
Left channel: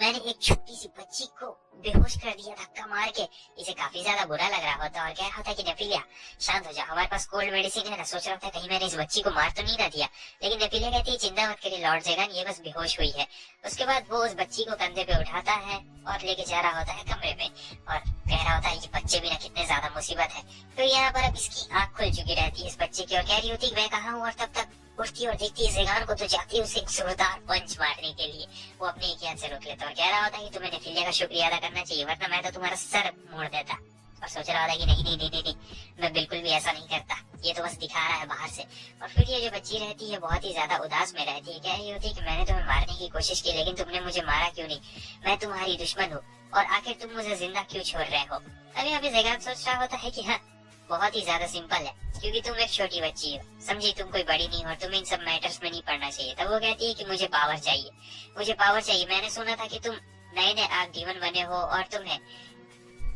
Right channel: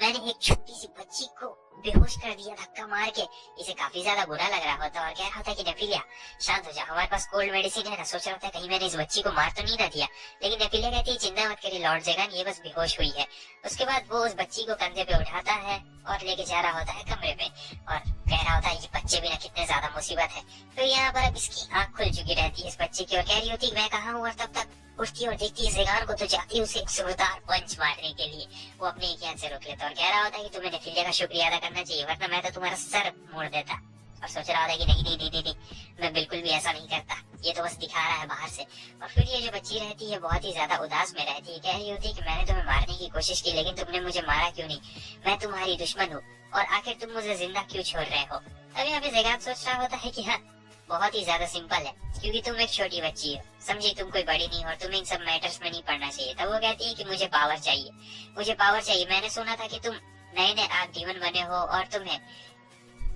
मैंने एक छोटी सी बच्ची को बेहोश कर दिया धक्का मार के। इसे काफी ज्यादा बुरा लग रहा होता है और कह रहा होता है कि नेफिलिया शांत हो जा, हमारे पास कोल्ड मेडिसिन है ना। सोच रहा होता है कहीं मैंने इस बच्ची को मार तो नहीं ना दिया, लेकिन नेफिलिया कहती है चिंता मत करिए लॉर्ड जेगान, ये बस बेहोश हुई है। उसके बाद वो उस बच्ची को कंधे पे उठाता है और लेके जा रहा होता है कमरे में, और कह रहा होता है ये बच्चे बिना कितने ज्यादा मुसीबत है। तो यहाँ पर अब इसकी आंख खुल चुकी रहती है इस बच्चे की, और कह रही होती है मैं कहा हूँ, और तब तक उठती और देखती है जेगान को तो जाती है उसे एक जोरदार पंच मारने के लिए। वो अपने एक हाथ से रोक लेता और कह रहा होता है कि तुम्हें नेफिलिया का शुक्रिया अदा करना चाहिए, वरना मैं तो तुम्हारा सर मोड़ देता। और सोच रहा था कि नहीं नहीं नहीं नहीं, मैं बिल्कुल भी ऐसा नहीं करता, ये तो बस दिखा रहा है बाहर से। और फिर ये जो बच्ची रहती है बहुत ही ज्यादा उदास में रहती है, कह रही होती है कि मैंने तुम्हें मारने की कोशिश की लेकिन तुमने मुझे मारा क्यों नहीं, मैं तुम्हारी दुश्मन हूँ और आखिर तुम मुझे जिंदा क्यों छोड़ रहे हो। अभी अभी जेगान सोच रहा होता है कि हाँ बहुत ही ज्यादा सिंपल है, क्योंकि तुम एक छोटी बच्ची हो, समझी, तुम कोई बड़ी नहीं हो और तुम्हें इन सब मैटर्स में नहीं पड़ना चाहिए। तो वो कहती है कि मुझे पावर चाहिए, मुझे पावर चाहिए। मैंने सुना था कि तुम नए नए आर्क डीमन बने हो और तुम्हें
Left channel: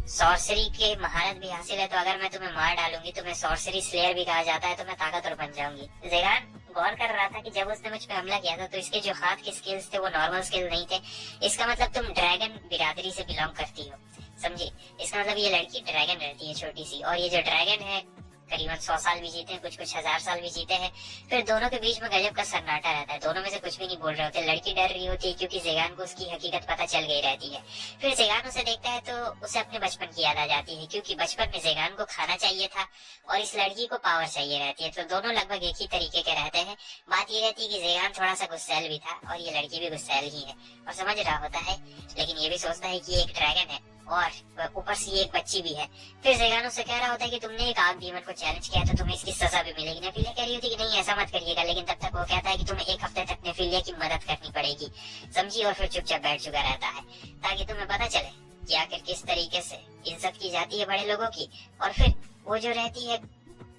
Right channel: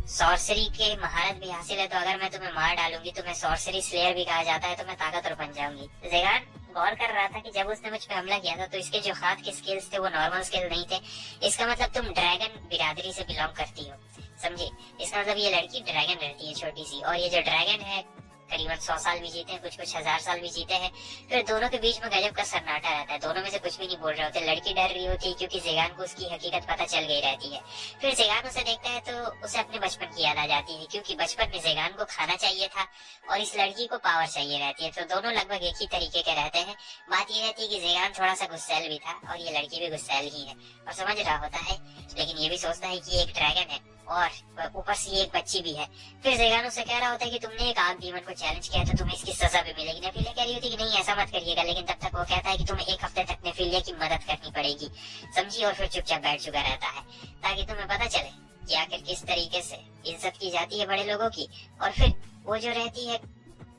सॉर्सरी के महारत भी हासिल है, तो अगर मैं तुम्हें मार डालूंगी, तुम्हें सॉर्सरी स्लेयर भी कहा जाता है, तो मैं ताकतवर बन जाऊंगी। जेगान गौर कर रहा था कि जब उसने मुझ पे हमला किया था तो इसके जो हाथ के स्किल्स थे वो नॉर्मल स्किल नहीं थे, इसका मतलब तुम ड्रैगन बिरादरी से बिलोंग करती हो, समझी। इसका मतलब ये लड़की ड्रैगन रहती है छोटी सी, और ये जो ड्रैगन है करीबन 100 साल भी जीते हैं, कुछ कुछ 1000 साल भी जीते हैं। फिर दोनों के बीच में गजब का सन्नाटा रहता है, दोनों में से कुछ भी नहीं बोल रहे होते। लड़की डर रही होती है क्योंकि जेगान को उसकी हकीकत पता चल गई रहती है। फिर जेगान उसे देखता है तो उसे अपने बचपन की याद आ जाती है, क्योंकि बचपन में जेगान को खाना चाहिए था और इस लड़की को पावर चाहिए रहती है, तो दोनों लगभग एक ही तरीके के रहते हैं। बात ये रहती है कि जेगान थोड़ा सा गुस्सैल भी था और ये लड़की भी गुस्सैल ही है और समझ रहा होता है, लेकिन ये भी सोचता है कि ये एक ड्रैगन है और ऊपर से ये एक बच्ची भी है। फिर जेगान उससे कह रहा होता है कि तुमने एक आग डीमन को चैलेंज किया तो तुम्हें इसकी सजा भी मिलेगी। नेफिलिया कह रही होती है कि नहीं ऐसा मत करिएगा, लेकिन तब तक वो कहता है कि तुम्हें एक हफ्ते तक नेफिलिया की मदद करनी पड़ेगी, समझी। और फिर चुपचाप बैठ चुका रहता है ताकि तुम्हें पता चले कि आखिर किस तरीके से इज्जत की जाती है बड़े लोगों की। और फिर वो जो रहती है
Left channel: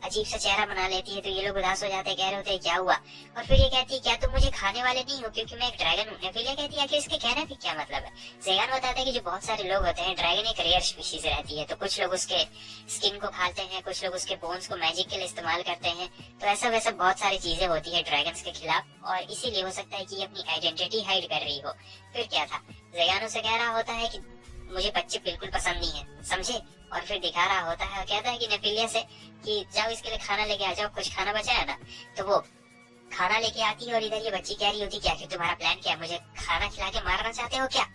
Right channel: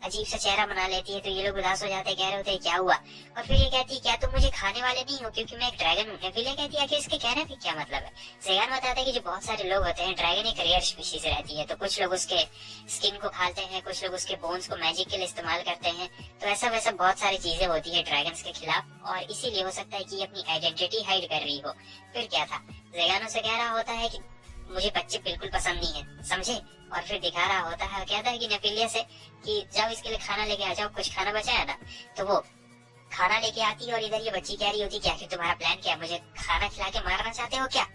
अजीब सा चेहरा बना लेती है तो ये लोग उदास हो जाते हैं, कह रहे होते हैं क्या हुआ। और फिर ये कहती है क्या तुम मुझे खाने वाले नहीं हो क्योंकि मैं एक ड्रैगन हूँ। नेफिलिया कहती है कि इसके कहने का क्या मतलब है। जेगान बताता है कि जो बहुत सारे लोग होते हैं, ड्रैगन एक रेयर स्पीशीज रहती है, तो कुछ लोग उसके स्किन को खाते हैं, कुछ लोग उसके बोन्स को मैजिक के लिए इस्तेमाल करते हैं, तो ऐसा वैसा बहुत सारी चीजें होती है ड्रैगन्स के खिलाफ, और इसीलिए हो सकता है कि ये अपनी आइडेंटिटी हाइड कर रही हो। फिर क्या था, जेगान उसे कह रहा होता है कि मुझे बच्चे बिल्कुल पसंद नहीं है, समझे। और फिर दिखा रहा होता है और कहता है कि नेफिलिया से कि जाओ इसके लिए खाना लेके आ जाओ, कुछ खाना बचा है ना। तो वो खाना लेके आती है और इधर ये बच्ची कह रही होती क्या कि तुम्हारा प्लान क्या है, मुझे खाना खिला के मारना चाहते हो क्या।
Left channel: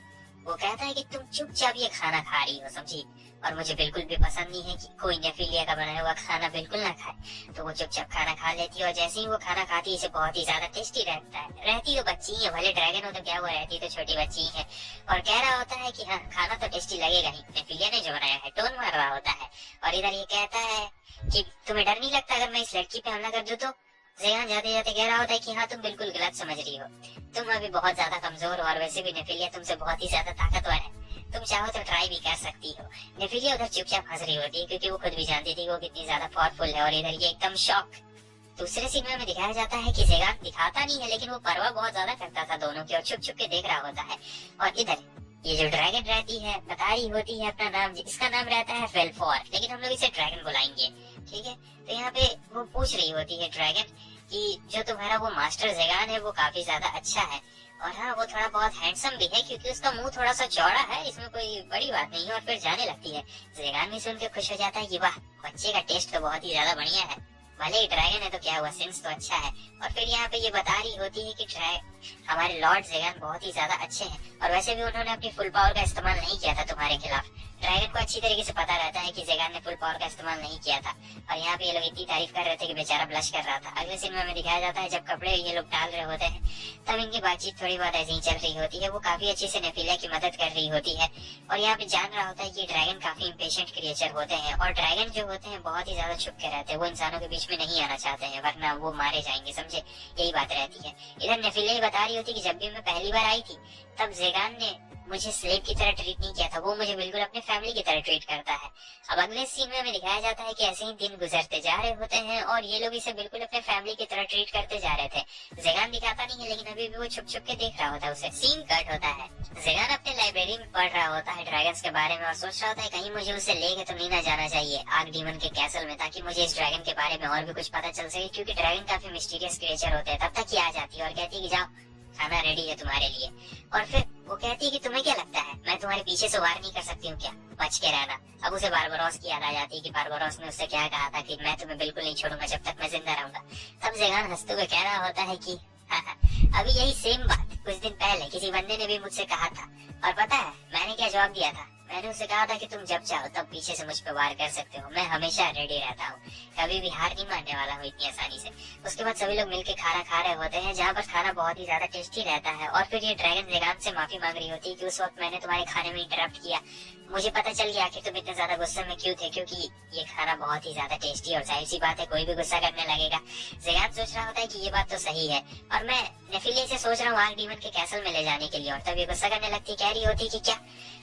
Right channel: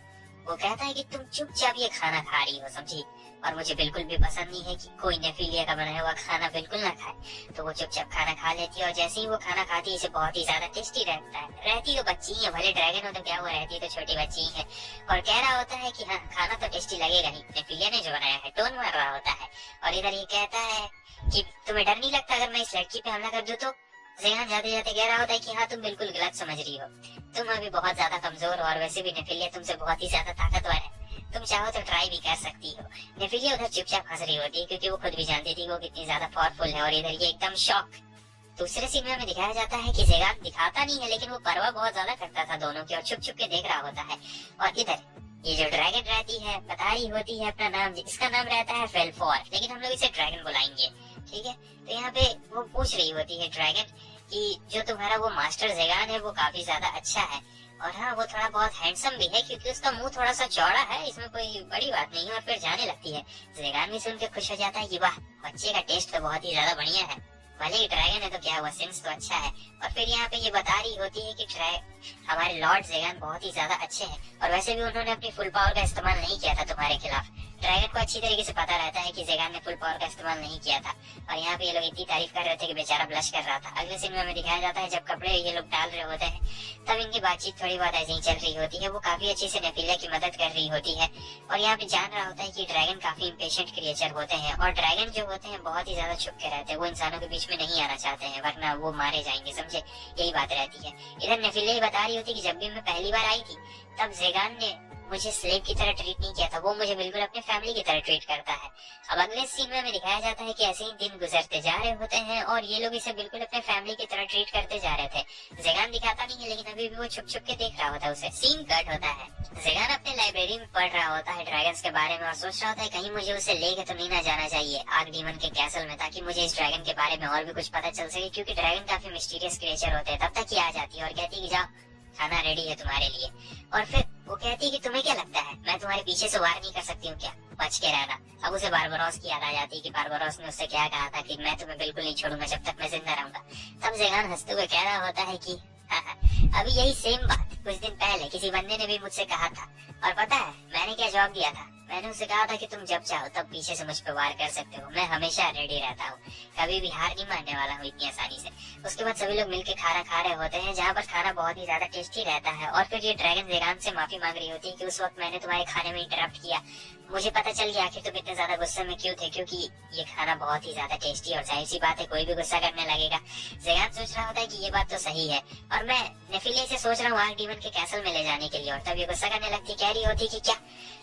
वो कहता है कि तुम चुपचाप ये खाना खा रही हो, समझी, और मुझे बिल्कुल भी पसंद नहीं है कि कोई नेफिलिया का बनाया हुआ खाना बिल्कुल ना खाए। तो वो चुपचाप खाना खा लेती है और जैसे ही वो खाना खाती है इसे बहुत ही ज्यादा टेस्टी रहता है। रहती तो बच्ची है, भले ड्रैगन हो तो क्या, वो रहती तो छोटी बच्ची है। और कह रहा होता है कि हाँ खाना तो टेस्टी लगेगा ही, नेफिलिया ने जो बनाया है, टोन मार रहा होता है। और इधर ये कहता है कि तुम्हें डर नहीं लगता अगर मैं इस लड़की पे हमला कर दूं तो। जेगान जाते जाते कह रहा होता है कि हाँ तुम बिल्कुल गलत समझ रही हो, तुम अभी बहुत ज्यादा कमजोर हो और वैसे भी नेफिलिया तुमसे बहुत ही ज्यादा ताकतवर है, तुम चाहो तो ट्राई भी कर सकती हो। नेफिलिया उधर चुपचाप हंस रही होती है क्योंकि वो खुद भी जानती थी वो कितनी ज्यादा पावरफुल है। और इधर ये एकदम शॉक। दूसरे सीन में हमें दिखाया जाता है कि जेगान दिखाता नहीं है लेकिन वो परवाह बहुत ज्यादा करता था दोनों की और छुप छुप के देख रहा होता है। और इधर ये जो ड्रैगन रहती है बता रही होती है अपना नाम, इसका नाम रहता है फेल्फोर, लेकिन हम लोग इसे ड्रैगन बुलाएंगे, ठीक है। तो यहाँ पे वो पूछ रही होती है ड्रैगन कि जो तुम्हारा वो मास्टर जेगान है वो काफी ज्यादा अच्छा है, और हाँ वो थोड़ा बहुत हैंडसम भी है क्योंकि उसका मुंह थोड़ा सा चौड़ा है, इसमें कोई बड़ी बात नहीं है। और फिर जाने लगती है। जेगान भी सुन के खुश हो जाता है कि वाह बच्चे का टेस्ट तो बहुत ही ज्यादा बढ़िया है, भले ही ड्रैगन है तो क्या हुआ, सेंस तो अच्छा है। और फिर यहाँ पे ये बता रही होती है कि हमारे लॉर्ड जेगान बहुत ही ज्यादा अच्छे हैं और वैसे भी उन्होंने अपनी फुल पावर का इस्तेमाल नहीं किया था तुम्हारे खिलाफ। ड्रैगन को अच्छी तरीके से पता रहता है कि ज़ेगान ने फुल पावर का इस्तेमाल नहीं किया था, और यहाँ पे ये लोग इतनी तारीफ कर रहे थे कि बेचारा ब्लश कर रहा था। अगले सीन में दिखाया जाता है जब कपड़े ये लोग डाल रहे होते हैं, तब इनकी बातचीत थोड़ी बहुत ऐसी ही चल रही होती है। वो काफी अच्छे से नेफिलिया की मदद कर रही होती है, और यहाँ पे जान रहा होता है कि ड्रैगन काफी इम्पेशेंट क्रिएचर होते हैं, और ड्रैगन जो होते हैं बहुत ही ज्यादा छुप के रहते हैं। वो इंसानों के बीच में नहीं आना चाहते हैं, वरना वो मारे जाएंगे, समझे, यही बात रहती है। इधर नेफिलिया बता रही होती है कि जब भी मैं पहली बार आई थी तब ज़ेगान ने मुझे स्लेव की तरह ट्रीट नहीं किया था, वो मुझे बिल्कुल अपने फैमिली की तरह ट्रीट करता है। अब अगले सीन में हमें दिखाया जाता है कि ऐसे ही दिन गुजरते जा रहे होते हैं, और ये लोग इसे बिल्कुल अपने फैमिली की तरह ट्रीट करते जा रहे थे। ज़ेगान दिखाता नहीं है, लेकिन अभी भी वो छुप छुप के देख रहा होता है उसे। सीन कट होता है, ज़ेगान अपने लाइब्रेरी में पढ़ रहा होता है ड्रैगन्स के बारे में, और सोच रहा होता है कहीं मुझे उसे लेके तो नहीं ना जाना चाहिए आर्क डीमन के कैसल में, ताकि मुझे इस ड्रैगन के बारे में और भी कुछ पता चल सके, क्योंकि ड्रैगन काफी मिस्टीरियस क्रिएचर होते हैं। तब तक ये आ जाती है और कहती है कि जाओ, खाना रेडी है तुम्हारे लिए। और फिर वो कहती है कि तुम्हें क्या लगता है मैं तुम्हारे पीछे से वार नहीं कर सकती हूँ क्या, बच के रहना। अब उसे बारबरोस की याद आ जाती है कि बारबरोस ने उससे क्या कहा था कि मैं तुम्हें बिल्कुल नहीं छोड़ूंगा जब तक मैं जिंदा रहूंगा। तब ज़ेगान हंसते हुए कह रहा होता है कि अभी यही सेम बात कुछ दिन पहले किसी बंदे ने भी मुझसे कहा था, और पता है मैंने क्या जवाब दिया था? मैंने उसे कहा था कि तुम जब चाहो तब पीछे से मुझ पर वार कर सकते हो, मैं हमेशा रेडी रहता हूँ, कभी भी हार नहीं मानने वाला हूँ इतनी आसानी से। उसके बाद सभी लोग मिलकर खाना खा रहे होते हैं, जहाँ पर खाना बहुत ही ज्यादा टेस्टी रहता है, और फिर ये ड्रैगन ज़ेगान से माफी मांग रही होती है कि उस वक्त मैंने तुम्हारे खाने में इंटरप्ट किया। मुझे पता चल गया आखिर तुम इतने ज्यादा गुस्से में क्यों थे, क्योंकि ये खाना बहुत ही ज्यादा टेस्टी, और जाहिर सी बात है कोई भी गुस्सा करने लगेगा। ज़ेगान सोच रहा होता है कि ये बात तो सही है, और मैं नेफिलिया से सोच रहा हूँ आर्क डीमन के कैसल में ले जाने के लिए, और तब ये गुस्सा करने लगती, कह रही होती कि क्या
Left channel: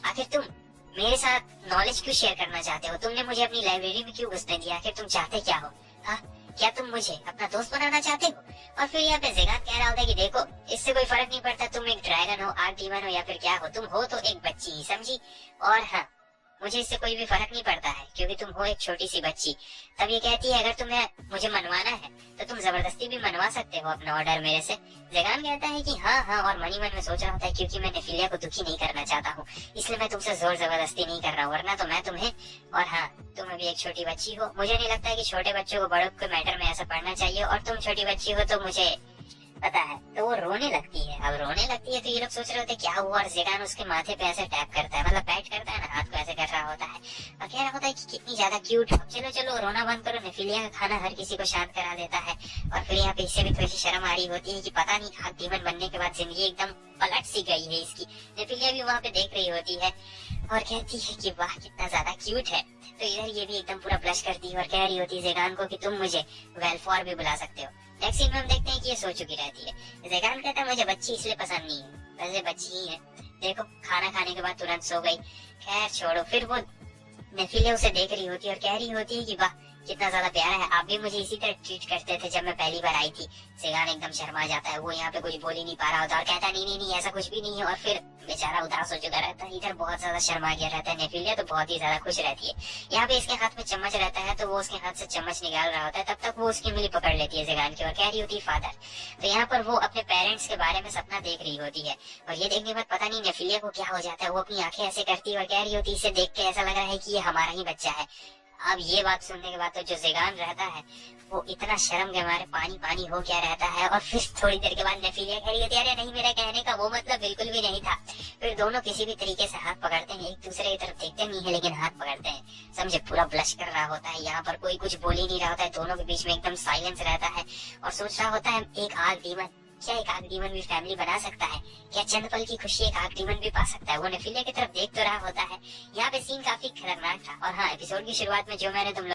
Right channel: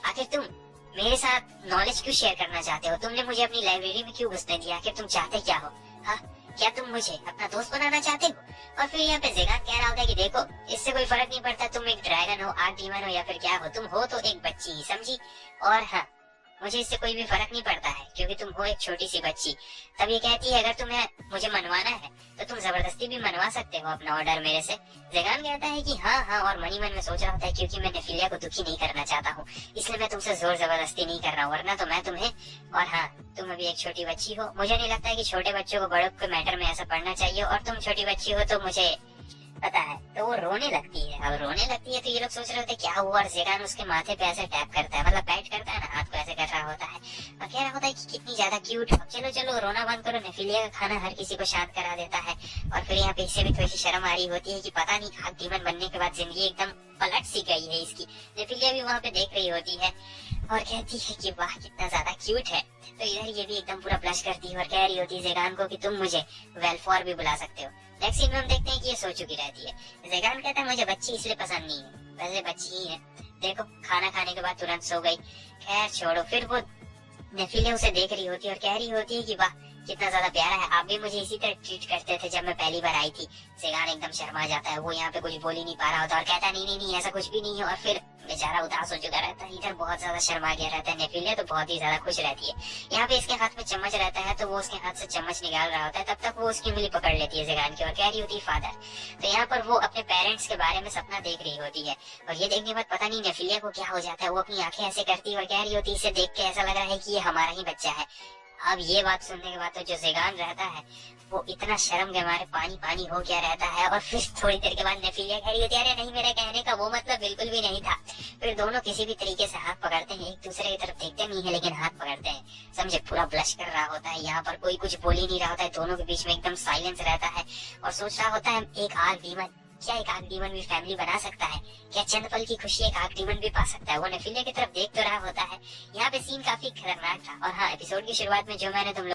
आखिर तुम मेरे साथ नॉलेज क्यों शेयर करना चाहते हो, तुमने मुझे अपनी लाइब्रेरी में क्यों घुसने दिया, आखिर तुम चाहते क्या हो? हाँ, क्या तुम मुझे अपना दोस्त बनाना चाहते हो? और फिर यहाँ पे ज़ेगान कह रहा होता है कि देखो इससे कोई फर्क नहीं पड़ता तुम एक ड्रैगन हो, आर्क डीमन हो, या फिर क्या हो, तुम हो तो एक बच्ची ही, समझी। और हाँ, मुझे इससे कोई भी फर्क नहीं पड़ता है, क्योंकि तुम हो एक छोटी सी बच्ची। तब ये कहती है अगर तुम्हें मुझे मनवाना है तो तुम जबरदस्ती भी मनवा सकते हो अपना ऑर्डर मेरे से। ज़ेगान कहता है कि हाँ हाँ, और मनी मन में सोच रहा होता है क्योंकि मैं नेफिलिया को दुखी नहीं करना चाहता हूँ, इसलिए मैं तुमसे जोर जबरदस्ती नहीं कर रहा हूँ, वरना तो मैं तुम्हें, और हाँ तुम अभी एक छोटी बच्ची हो, मुझे नहीं लगता है कि छोटे बच्चों को बड़ों के मैटर में ऐसा पढ़ना चाहिए, और तुम छोटी बच्ची हो तो मुझे पता है। तो वो रोने लगती है। अब रोने लगती है तो ये लोग सोच रहे होते क्या हुआ, और ज़ेगान उसके माथे पे ऐसे टैप करता है, मतलब पैट करता है ना, हाथ को ऐसे कर रहा होता है, और कह रहा होता है कि कितनी ज्यादा क्यूट हो, चलो चलो रोना बंद करो, नेफिलिया का खाना हर किसी को शांत करा देता है। और फिर यहाँ पे इससे भी थोड़ी सी शर्म आ रही होती है कि पता नहीं आर्क डीमन बनने के बाद जिंदगी एकदम पलट सी गई है इसकी। नेफिलिया भी वहाँ पे देख रही होती है और कहती है कि वाह कितना ज्यादा क्यूट है। तो इधर ये भी एकदम पूरा ब्लश करती है और कह रही होती है ज़ेगान को कि तुम मुझे वेलफॉर भी बुला सकते हो। नेक्स्ट सीन में हम देखते हैं कि ये सो चुकी रहती है। ज़ेगान कहता है मुझे बच्ची इसलिए पसंद नहीं है, वैसे बच्ची ही है, देखो खाना खाने के बाद तुरंत सो गई। खैर छोड़ो। फिर वो नेफिलिया उसे देख रही होती है और कह रही होती है कि वाह कितना ज्यादा प्यारा है, आप भी मुझे इसी तरह ट्रीट करते थे जब मैं पहली बार आई थी। ज़ेगान एकदम शर्मा जाता है, वो यहाँ पे कुछ बोल ही नहीं पा रहा होता और कहता है नहीं नहीं नहीं ऐसा कुछ भी नहीं है, और फिर बेचारा उदास हो चुका रहता है। इधर बहुत ज्यादा शर्मा गया रहता है नेफिलिया, तो बहुत ही ज्यादा खुश रहती है। यहाँ पे इसके हाथ में चम्मच रहता है तो वो उसके हाथ से चम्मच निकाल रहा होता है, तब तक वो उसकी उंगली पकड़ लेती है ज़ेगान की और कह रही होती है फादर। तो यहाँ पर वो अपने पेरेंट्स के बारे में सपना देख रही होती है, और ये देखने के बाद पता नहीं नेफिलिया को क्या हो जाता है, वो अपनी आंखें ऐसे करती है और कह रही होती है इसे देख के ऐसा लग रहा है कि ये हमारा ही बच्चा है। अब ये बात सुनने के बाद तो जो ज़ेगान रहता है वो इतना शर्म के मारे पानी पानी हो गया रहता है, और फिर थोड़ी देर के बाद नेफिलिया कह रही होती है अरे नहीं मेरा कहने का वो मतलब बिल्कुल भी नहीं था। फिर दोनों किसी भी तरीके से हाथ पकड़ते हैं, एक दूसरे की तरफ देखते नहीं है लेकिन हाथ पकड़ते हैं, समझे। पूरा ब्लश कर रहा होता है, यहाँ पर कोई कुछ बोल ही नहीं रहा होता है, दोनों के बीच में एकदम साइलेंस रहता है, और सोच रहा होता है एक आर्क डीमन, क्या एक आर्क डीमन भी फैमिली बना सकता है, क्या चंद पल की खुशी एक आर्क डीमन भी पा सकता है। वो नेफिलिया की तरफ देख तो रहा होता है। यहाँ पे सीन काफी खतरनाक था। और हाँ, एपिसोड की शुरुआत में जो मैंने तुम